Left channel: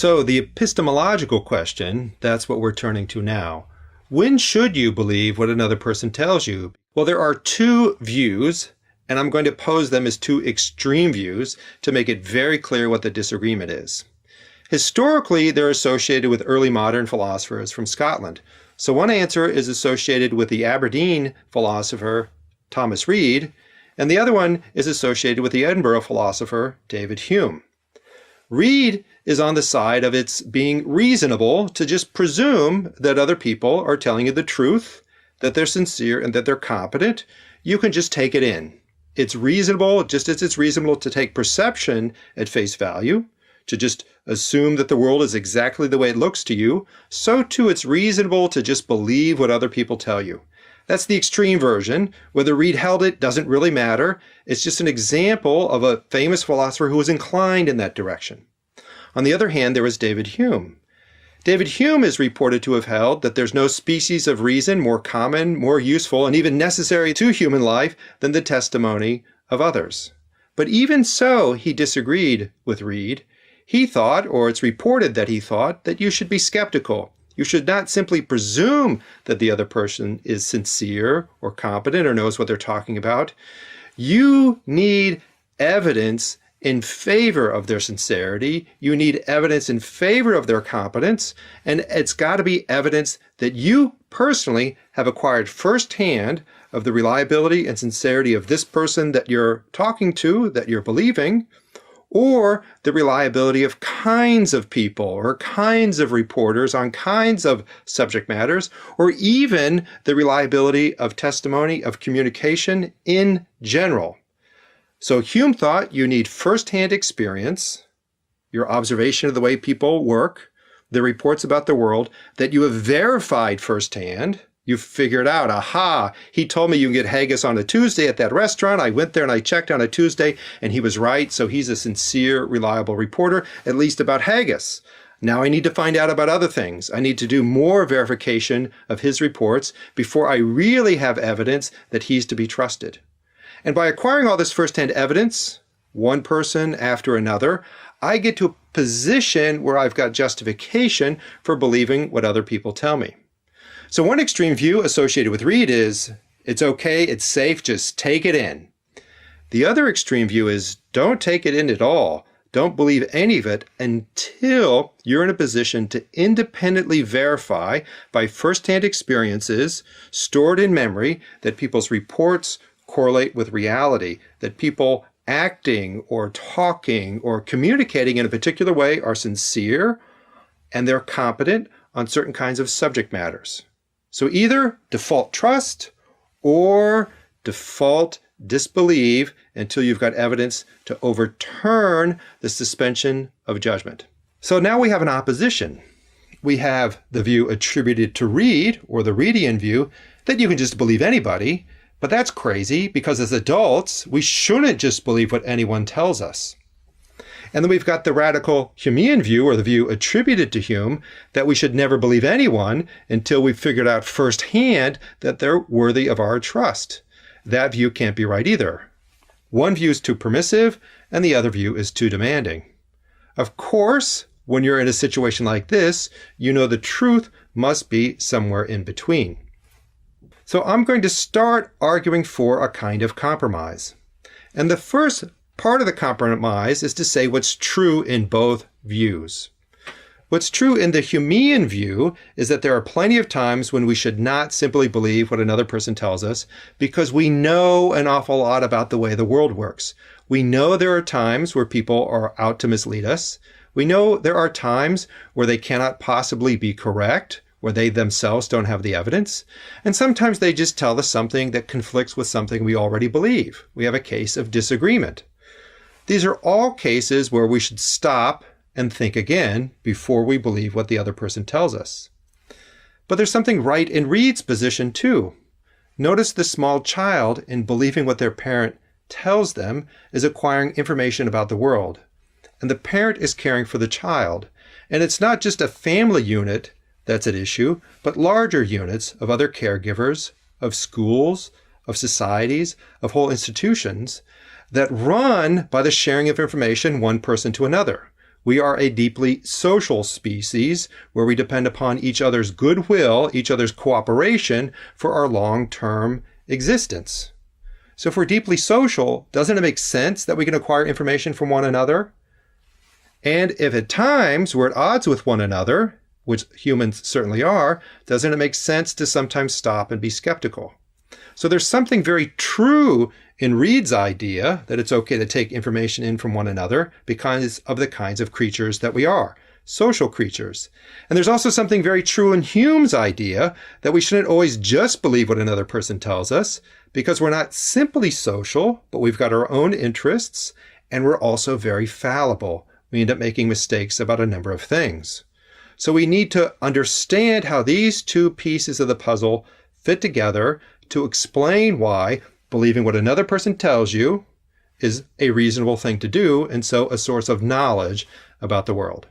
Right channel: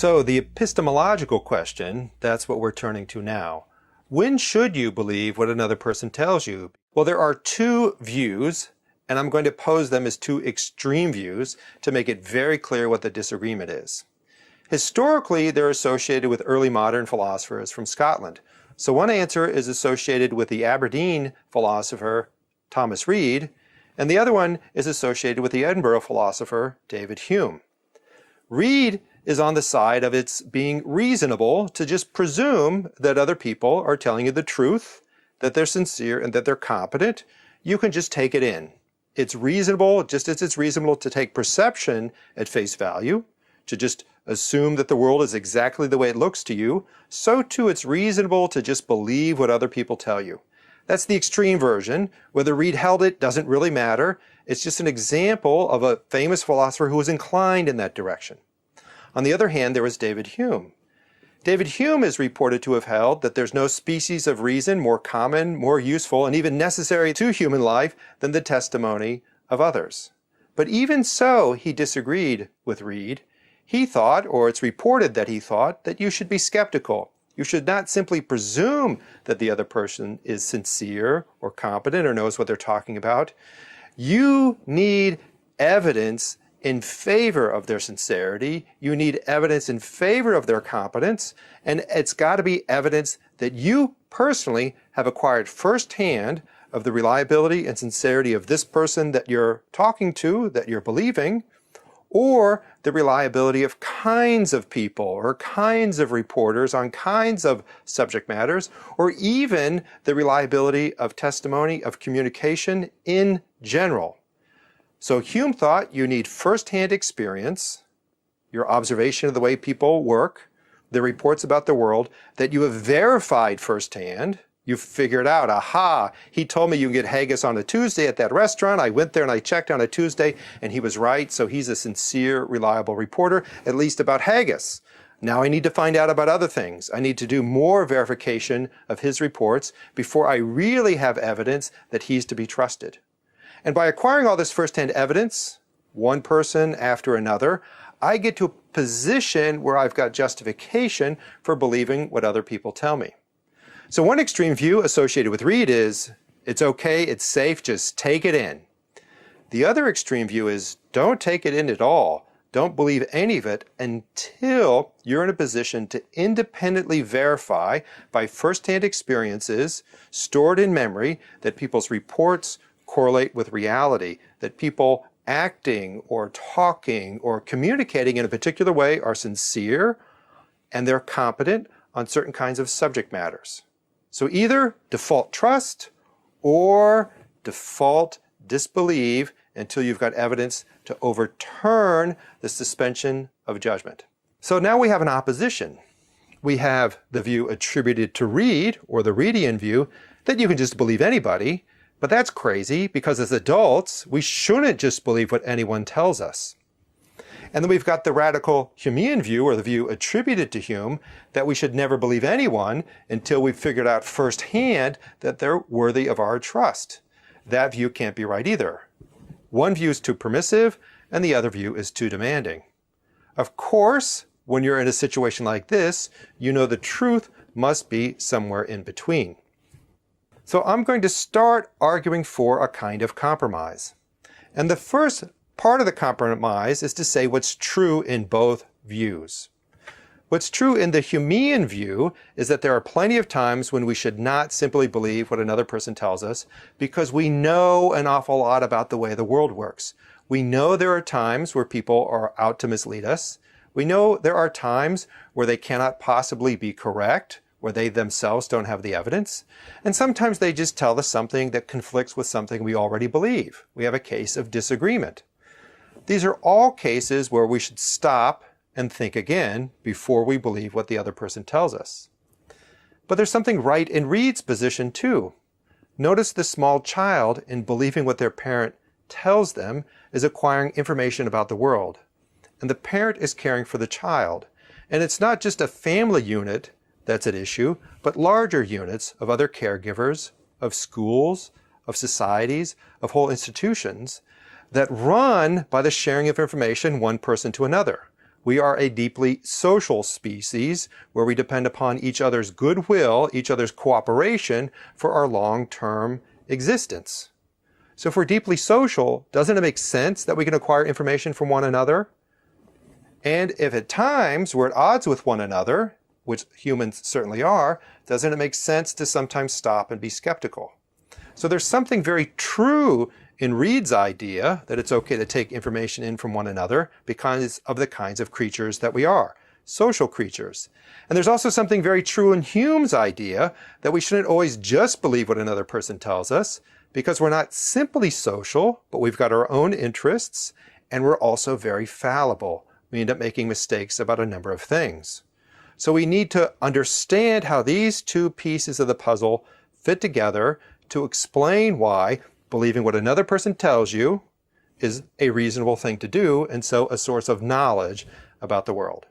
So the epistemological question, that's what we're turning to now. When should you believe what another person tells you? Well, there are two views, and I'm going to pose them as two extreme views to make it very clear what the disagreement is. Historically, they're associated with early modern philosophers from Scotland. So one answer is associated with the Aberdeen philosopher Thomas Reid, and the other one is associated with the Edinburgh philosopher David Hume. Reid is on the side of it's being reasonable to just presume that other people are telling you the truth, that they're sincere, and that they're competent. You can just take it in. It's reasonable, just as it's reasonable to take perception at face value, to just assume that the world is exactly the way it looks to you, so too it's reasonable to just believe what other people tell you. That's the extreme version. Whether Reid held it doesn't really matter. It's just an example of a famous philosopher who was inclined in that direction. On the other hand, there was David Hume. David Hume is reported to have held that there's no species of reason more common, more useful, and even necessary to human life than the testimony of others. But even so, he disagreed with Reid. He thought, or it's reported that he thought, that you should be skeptical. You should not simply presume that the other person is sincere or competent or knows what they're talking about. You need evidence in favor of their sincerity. You need evidence in favor of their competence, and it's got to be evidence that you personally have acquired firsthand of the reliability and sincerity of this person that you're talking to, that you're believing, or the reliability of kinds of people or kinds of reporters on kinds of subject matters, or even the reliability of testimony, of communication in general. So Hume thought you need firsthand experience, your observation of the way people work, the reports about the world that you have verified firsthand. You've figured out, aha, he told me you can get haggis on a Tuesday at that restaurant. I went there and I checked on a Tuesday and he was right. So he's a sincere, reliable reporter, at least about haggis. Now I need to find out about other things. I need to do more verification of his reports before I really have evidence that he's to be trusted. And by acquiring all this firsthand evidence, one person after another, I get to a position where I've got justification for believing what other people tell me. So one extreme view associated with Reid is, it's okay, it's safe, just take it in. The other extreme view is, don't take it in at all. Don't believe any of it until you're in a position to independently verify by firsthand experiences stored in memory that people's reports correlate with reality, that people acting or talking or communicating in a particular way are sincere and they're competent on certain kinds of subject matters. So either default trust or default disbelieve until you've got evidence to overturn the suspension of judgment. So now we have an opposition. We have the view attributed to Reid, or the Reidian view, that you can just believe anybody, but that's crazy because as adults, we shouldn't just believe what anyone tells us. And then we've got the radical Humean view, or the view attributed to Hume, that we should never believe anyone until we've figured out firsthand that they're worthy of our trust. That view can't be right either. One view is too permissive, and the other view is too demanding. Of course, when you're in a situation like this, you know the truth must be somewhere in between. So I'm going to start arguing for a kind of compromise. And the first part of the compromise is to say what's true in both views. What's true in the Humean view is that there are plenty of times when we should not simply believe what another person tells us because we know an awful lot about the way the world works. We know there are times where people are out to mislead us. We know there are times where they cannot possibly be correct, where they themselves don't have the evidence. And sometimes they just tell us something that conflicts with something we already believe. We have a case of disagreement. These are all cases where we should stop and think again before we believe what the other person tells us. But there's something right in Reid's position too. Notice the small child in believing what their parent tells them is acquiring information about the world. And the parent is caring for the child. And it's not just a family unit that's at issue, but larger units of other caregivers, of schools, of societies, of whole institutions that run by the sharing of information one person to another. We are a deeply social species where we depend upon each other's goodwill, each other's cooperation for our long-term existence. So if we're deeply social, doesn't it make sense that we can acquire information from one another? And if at times we're at odds with one another, which humans certainly are, doesn't it make sense to sometimes stop and be skeptical? So there's something very true in Reid's idea that it's okay to take information in from one another because of the kinds of creatures that we are, social creatures. And there's also something very true in Hume's idea that we shouldn't always just believe what another person tells us because we're not simply social, but we've got our own interests, and we're also very fallible. We end up making mistakes about a number of things. So we need to understand how these two pieces of the puzzle fit together to explain why believing what another person tells you is a reasonable thing to do, and so a source of knowledge about the world.